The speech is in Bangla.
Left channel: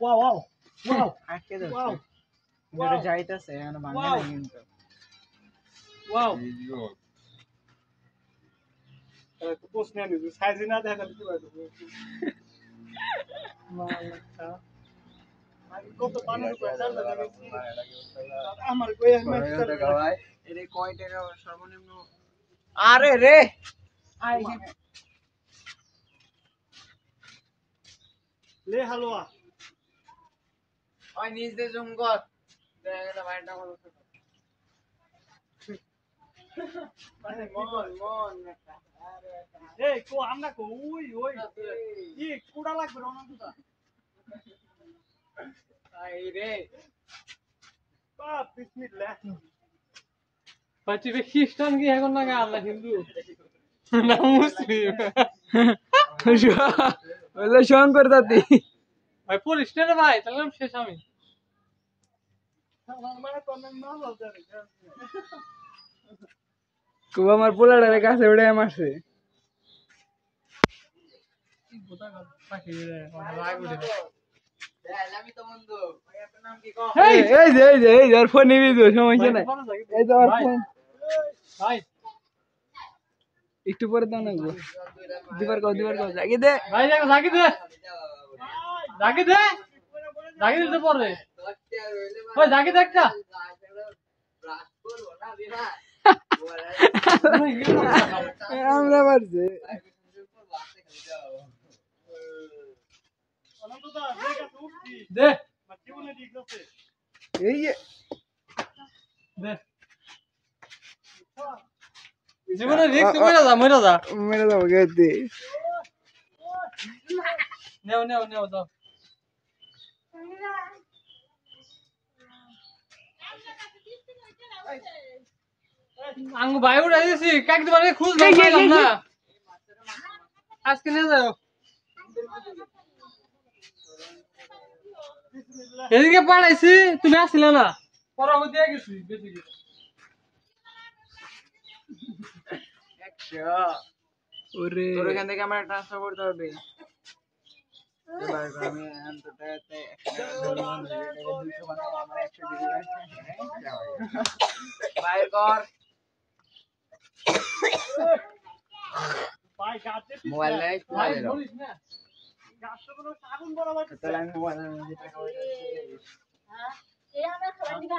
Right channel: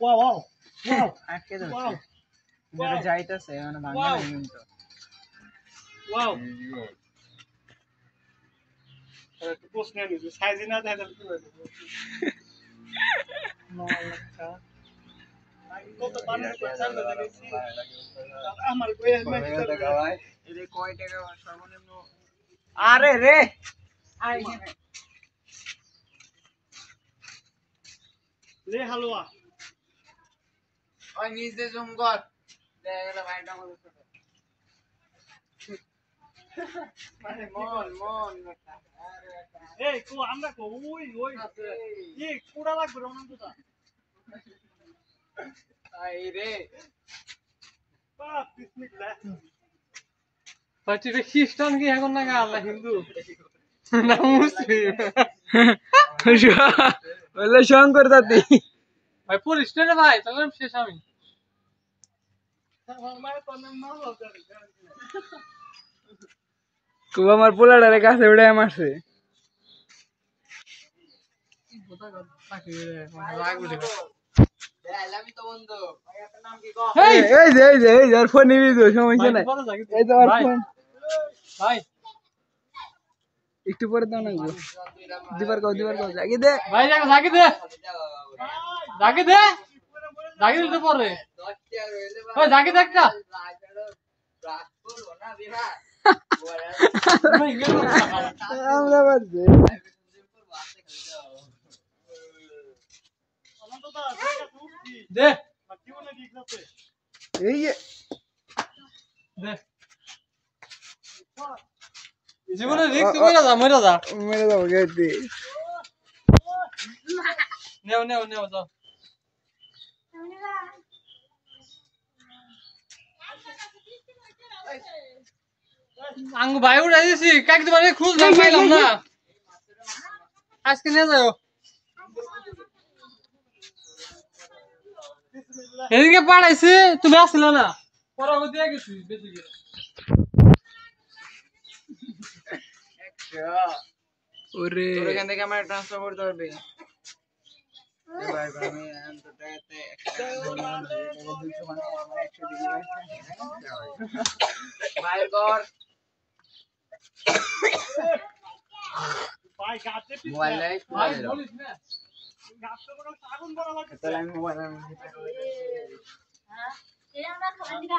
ওয়াও ওয়াও ওয়াও আটকে দাও ওয়াও এটা যাইতাছে মানে ভাঙা না কিন্তু ওয়াও একটু প্রশ্ন নিয়ে সাইজ না দেখা যাবে কি হবে মালকা আগে কত বানানো করে চাল দেখেছি আমার কই ম্যাচ গাওয়ায় এরে কয় টাকা সর্বনিম্ন আরে রে আই লে হালুয়া ওই নিজে জুম কর দেখা ভাইটা বলো মানে মন এই কো আমরা কো ওই ওই ই কুড়া লাগবে রনন্দটা আই রে বাপ বিসমিল্লাহ পাঁচি খ্রিস্টান কি এখন না আল্লাহ হিন্দু না মুসলিম বলে শঙ্কর দাদি ভাই পুলিশ রে ভাই তাহলে শেষ আমি আমার মায়ের তো নাম না হবে খুব আমার পোলাটারে কাছে উড়ে মারছে এই যে ফোন নিবি তো সমস্যা নাই এই তো আর ফোন ভাই একটু পরে দাও না দিবার কও জাগি দে ভাই জাগি দে তো পরে ওই জাগি দে একটা আমরা পারছি অনন্তদা দেখা উঠছি দে আর জীবনে ঠিক আছে এই যে দে জীবনে রিস্ক করে যা মরে যা মেরে দাও গেতে নেও যাও আঙ্গু ভাই উড়াই দিছি কাক দিবারে খুঁজ পাইলাম না আজকে নিয়ে যাও এদিকে পাঠাইছি তুমি আসলে না পরে ওই দিয়ে গেছি বেশি ওরে তোর এখান থেকে আমার ট্রান্সফার করতে হবে এবার আমি অন্তটাতে 200 মানে আমার 100 দিবি বাইর কর ভাই গাতে মোবাইল নাই ভাই বলিস না গাছটা বড় আগুন বড় লাগে তাহলে আমি মোবাইল আমি টাকা হ্যাঁ এই আমরা খাবার দিকে